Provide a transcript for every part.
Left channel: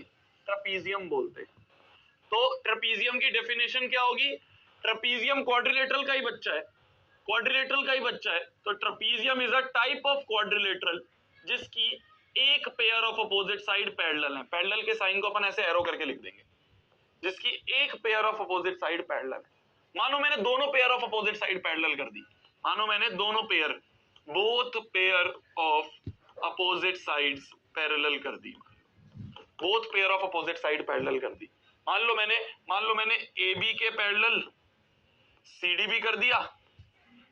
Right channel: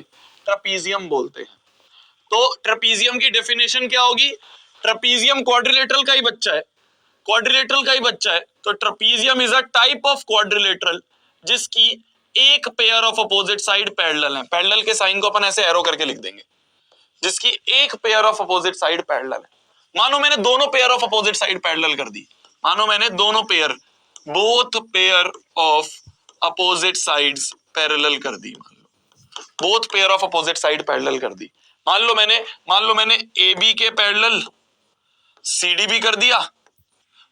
Trapezium बोलते हैं। तो ट्रेपीजियम की डेफिनेशन क्या होगी? ट्रेपीजियम क्वाड्रिलेटरल का ही बच्चा है, क्वाड्रिलेटरल का ही बच्चा है। तो trapezium is a type of quadrilateral जिसकी एक pair of opposite side parallel है। पैरेलल के साइन को अपन ऐसे एरो करके लिख देंगे, जिसकी एक pair of opposite side parallel है। मानो मैंने दोनों pair of opposite side parallel कर दी, मानो मैंने दोनों pair, both pair of opposite sides parallel कर दी, both pair of opposite side parallel कर दी। मान लो मैंने ए बी के पैरेलल सी डी भी कर दिया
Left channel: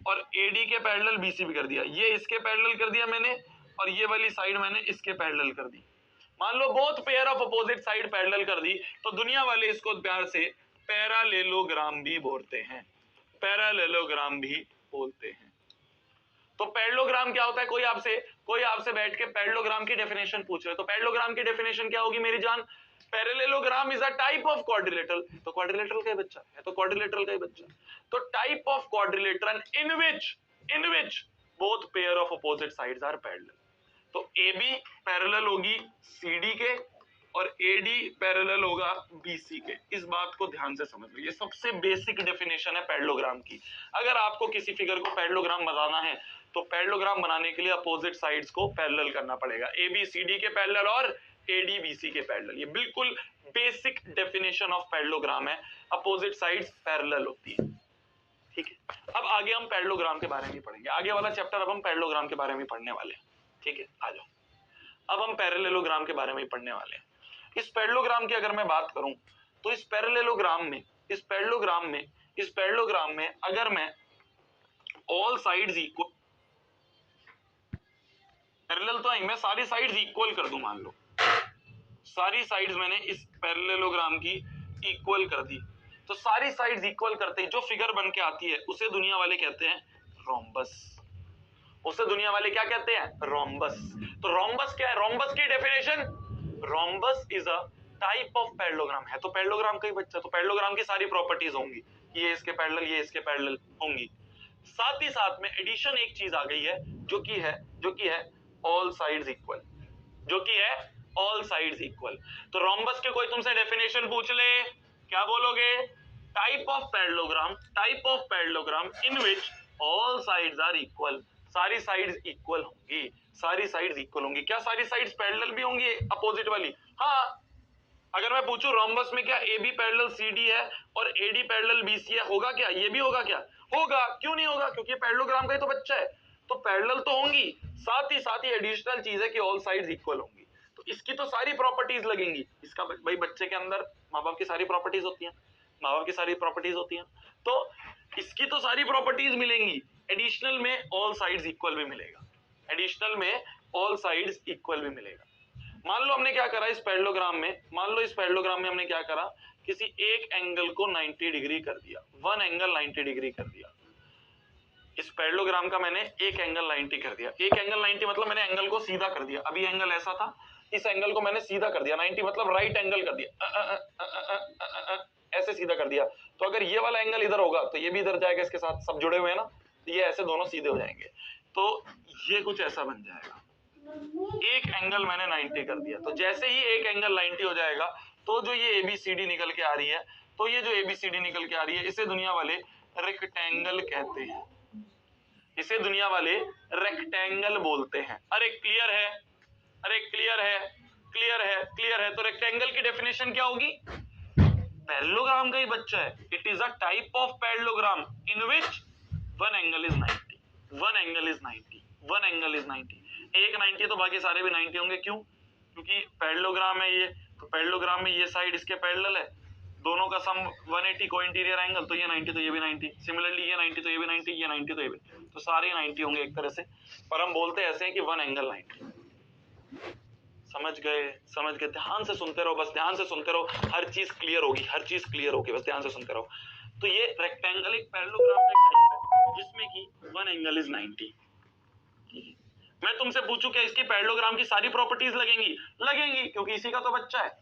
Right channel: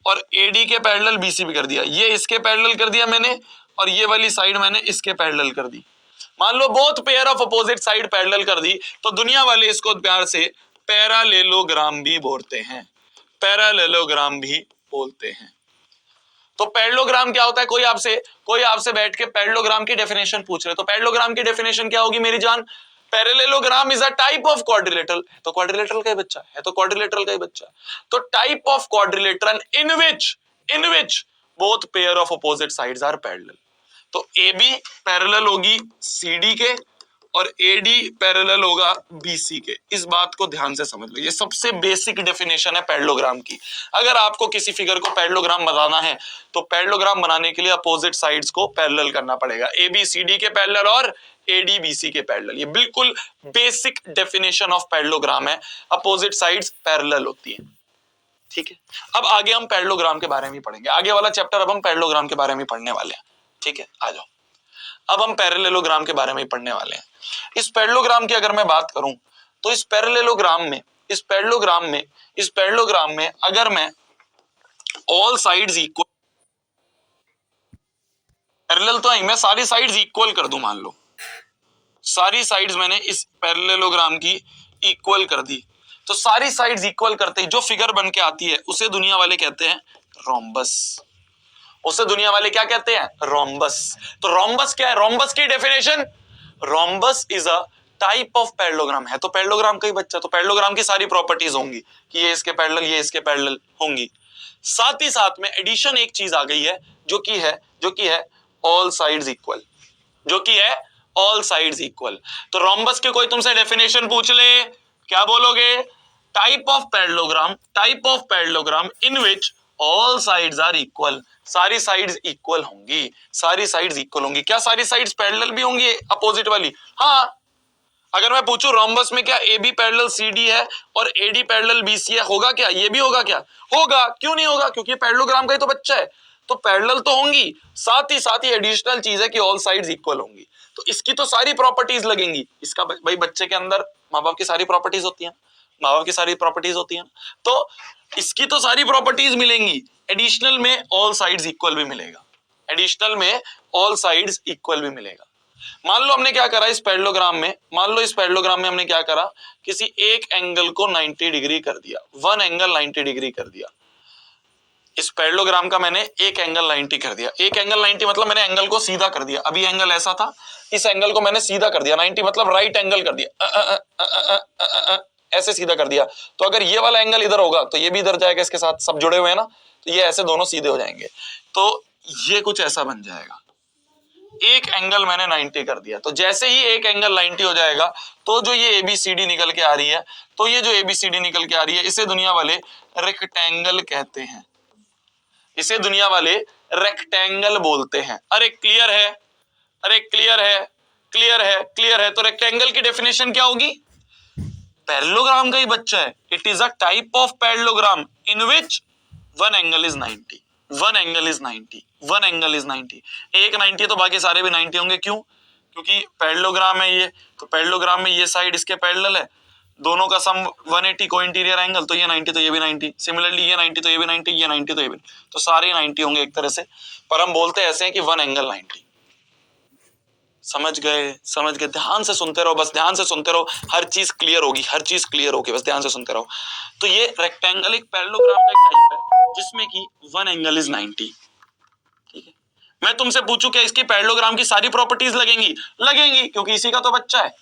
और ए डी के पैरेलल बी सी भी कर दिया। ये इसके पैरेलल कर दिया मैंने और ये वाली साइड मैंने इसके पैरेलल कर दी। मान लो both pair of opposite side parallel कर दी, तो दुनिया वाले इसको प्यार से पैरालेलोग्राम भी बोलते हैं, पैरालेलोग्राम भी बोलते हैं। तो पैरेललोग्राम क्या होता है? कोई आपसे बैठ के पैरेललोग्राम की डेफिनेशन पूछ रहे, तो पैरेललोग्राम की डेफिनेशन क्या होगी मेरी जान? Parallelogram is a type of quadrilateral. तो क्वाड्रिलेटरल का ही बच्चा है, तो क्वाड्रिलेटरल का ही बच्चा। तो type of quadrilateral in which both pair of opposite sides are parallel. तो ए बी पैरेलल होगी सी डी के और AD पैरेलल होगा BC के। इस बात को ध्यान से समझ लो, ये सबसे बेसिक डेफिनेशन है पैरेललोग्राम की। अगर आपको किसी फिगर को पैरेललोग्राम बनाना है तो पैरेललोग्राम बनाने के लिए अपोजिट साइड्स को पैरेलल करना पड़ेगा, ABCD के पैरेलल और ADBC के पैरेलल। ये बिल्कुल बेसिक डेफिनेशन ऑफ पैरेललोग्राम है, अपोजिट साइड्स पैरेलल होती है। ठीक है, अब आगे हम पैरेललोग्राम के बारे में पढ़ेंगे, आगे वाला चैप्टर अब हम पैरेललोग्राम के बारे में पढ़ने वाले हैं। ठीक है, आ जाओ, अब हम पैरेललोग्राम के बारे में पढ़ने वाले हैं। इस पैरेललोग्राम की अगर मैं बात करूं तो इस पैरेललोग्राम में अगर मैं ऑल साइड्स इक्वल, पैरेलल तो नहीं, मैं सारी साइड्स इक्वल कर दूं, मान लो सारी साइड्स मैंने इस पैरेललोग्राम की इक्वल कर दी, तो सारी साइड्स इक्वल करते ही जो फिगर बन के आती है उसे दुनिया वाले कहते हैं रोम्बस। उसे दुनिया वाले क्या कहते हैं? रोम्बस। तो रोम्बस क्या है? रोम्बस की definition, rhombus is a type of parallelogram है, तो पैरेललोग्राम का ही बच्चा। तो पैरेललोग्राम की सारी प्रॉपर्टीज होंगी कि ये इसके पैरेलल, ये इसके पैरेलल होंगी। साथ ही साथ में एडिशन एक चीज आ गई है जो कि है ऑल साइड्स इक्वल, जो कि है ऑल साइड्स इक्वल। तो रोम्बस की कोई तुमसे डेफिनेशन पूछ ले, क्या बोलोगे? Type of parallelogram in which all sides are equal. सारी साइड्स इक्वल होंगी, सारी साइड्स इक्वल होंगी। क्या सारी साइड्स पैरेलल भी होंगी अपोजिट वाली? हाँ। अगर मैं पूछूं रोम्बस में क्या AB पैरेलल CD है और AD पैरेलल BC है, होगा क्या? ये भी होगा क्या? होगा। क्यों नहीं होगा? क्योंकि पैरेललोग्राम का ही तो बच्चा है। तो पैरेलल तो होंगी, साथ ही एडिशनल चीज है कि ऑल साइड्स इक्वल होंगी। तो इसकी तो सारी प्रॉपर्टीज लगेंगी। इसका भाई बच्चे के अंदर माँ बाप की सारी प्रॉपर्टीज होती हैं, तो इसकी तो सारी प्रॉपर्टीज मिलेंगी। एडिशनल में ऑल साइड्स इक्वल भी मिलेगा, मान लो हमने क्या करा इस पैरेललोग्राम में, हमने क्या करा, किसी एक एंगल को 90 डिग्री कर दिया, वन एंगल 90 डिग्री कर दिया। इस पैरेललोग्राम का मैंने एक एंगल 90 कर दिया। एक एंगल 90 मतलब मैंने एंगल को सीधा कर दिया। अभी एंगल ऐसा था, इस एंगल को मैंने सीधा कर दिया, 90 मतलब राइट एंगल कर दिया, ऐसे सीधा कर दिया। तो अगर ये वाला एंगल इधर होगा तो ये भी इधर जाएगा, इसके साथ सब जुड़े हुए हैं ना, तो ये ऐसे दोनों सीधे हो जाएंगे। तो ये कुछ ऐसा बन जाएगा। एक एंगल मैंने 90 कर दिया, तो जैसे ही एक एंगल 90 हो जाएगा तो जो ये ABCD निकल के आ रही है, तो ये जो ABCD निकल के आ रही है, इसे दुनिया वाले रेक्टेंगल कहते हैं, इसे दुनिया वाले रेक्टेंगल बोलते हैं। अरे क्लियर है? तो रेक्टेंगल की डेफिनेशन क्या होगी? पैरेललोग्राम का ही बच्चा है। It is a type of parallelogram in which one angle is 90। एक 90 तो बाकी सारे भी 90 होंगे। क्यों? क्योंकि पैरेललोग्राम है ये, तो पैरेललोग्राम में ये साइड इसके पैरेलल है, दोनों का सम 180 को इंटीरियर एंगल, तो ये 90 तो ये भी 90, सिमिलरली ये 90 तो ये भी 90, ये 90 तो ये भी, तो सारे 90 होंगे एक तरह से। पर हम बोलते ऐसे हैं कि वन एंगल 90। समझ गए? ध्यान से सुनते रहो, बस ध्यान से सुनते रहो, हर चीज क्लियर होगी, बस ध्यान से सुनते रहो। तो ये रेक्टेंगल एक पैरेललोग्राम का एक टाइप है जिसमें कि वन एंगल इज 90। ठीक है, मैं तुमसे पूछूं क्या इसकी पैरेललोग्राम की सारी प्रॉपर्टीज लगेंगी? क्योंकि इसी का तो बच्चा है।